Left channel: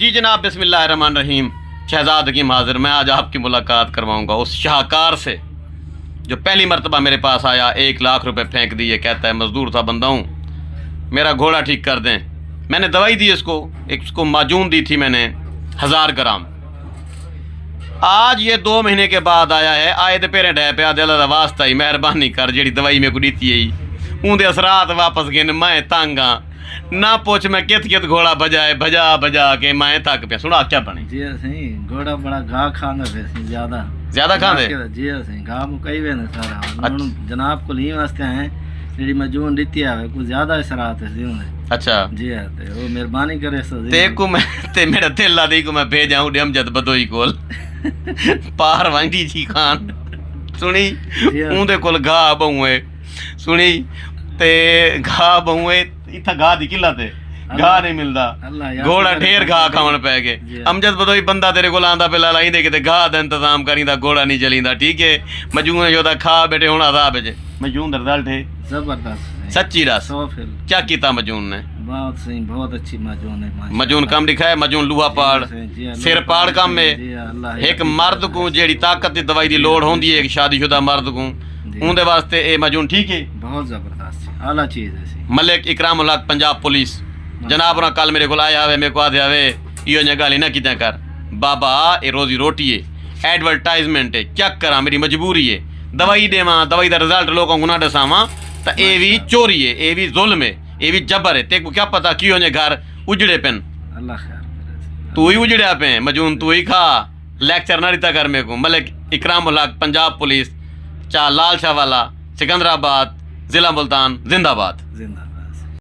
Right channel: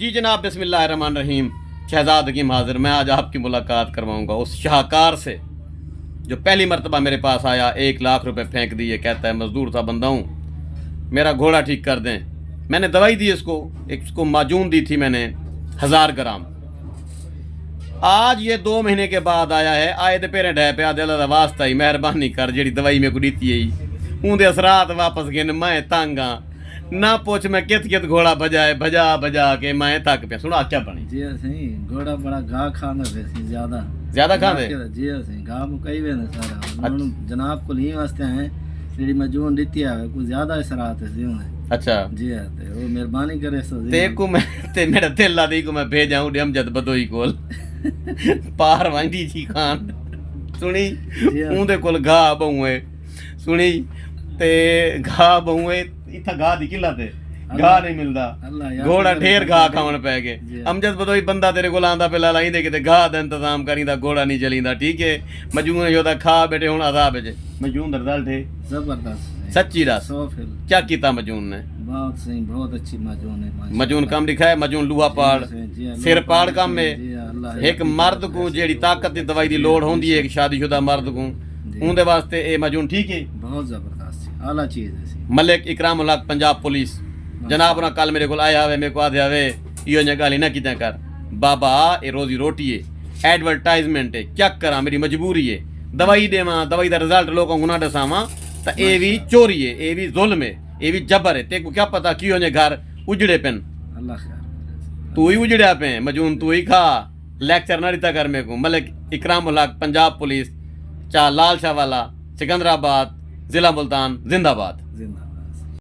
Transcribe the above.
जी जनाब, बिस्मिल्लाहिर्रहमानिर्रहीम। शहजाद हकीम हाजिर। मैं आज आपकी मुलाकात करवाऊंगा उस शाहकार से जो पहली मरतबा मेरे पास आया, 1 लाख रुपए फेंक दिए। कहता है मजदूर सा बंदा हूँ, मेरा घोड़ा ठीक कर दें। मैंने दवाई दी इसको माजून दी थी मैंने 1000 ग्राम। आज ये 2 महीने के बाद आया है। आए तो पेरें ढह पे दिल का वास्ता ही मेहरबानी कर, जी दवाई मेरे को दी है उनके असरात वापस गए। मैं तंग हाँ, ना पूछ मैं कित घोड़ा बजा के मैं थक पे। सुना क्या बने जी सही घोड़ा बड़ा घाह खांदा वैसे ज्यादा खांदे जी सही घाह मुकई वे ने सारा जनाब को ली वास्ते आए जेडी मजून दी आवे कुछ ज्यादा असरात है जी। अच्छा जी ते वो मेहरबानी करे सो ते को मैं ते मेरा दिल ला दी को मैं भेजा हूं अमजद बदोई कोल पार वांगी जी खान सुनी उनदे कोल घाह बहुए सुनी ते घाह बहुए इत्था घाह दी किला ते घाह नहीं मिलदा। घोड़ा ढेर घाह खावन पै गए। अमजद बदोई बंदा तेरे कोल आंदा पे लाई दे किते घाह दा इंतजाम करींदा, घोड़ा नहीं चलींदा। ठीक है मजून योदा खा बेटे हुण अदाब च मजून दा रिजल्ट है जबरदस्त सच्ची रस। क्या कीता मजून ने? बहुत सही, बहुत अच्छी मजून है। मजून काम लिखा है, मजून लूहा पाड़ सिर पाड़ काम में। एक मर्द को जेड़ी ताकत दी दवाई दी लोड़ होंदी है, एक शादीशुदा मर्द को उनदे वास्ते ए मजून ठीक है। बहुत जबरदस्त आला चीज है। मलिक इकराम उल हक पंजाब पुलिस जनाब ना कल मेरे को आया हुए, मेरे को आदे आवे इो ने गाली ना कितना कर बाबा, ए रोजी रोटी है, एडवर्टाइजमेंट है, क्या करा मेरी मजबूरी है। दवाई देवा, दवाई का रिजल्ट लोगों को ना दसावा तो ये भी चोरी है, ये भी जुल्म है, ये भी जबर है। तेको क्या पता क्यों ने घर उजड़े पेन, अल्लाह खैर तू ही उजड़िया पे मजून तू ही खा। लेक्चर ना दिता कर मेरे को। मलिक इकराम उल हक पंजाब पुलिस, चाह लाल शाह वाला, सिकंदराबाद, जिला मुल्तान, जिंदाबाद।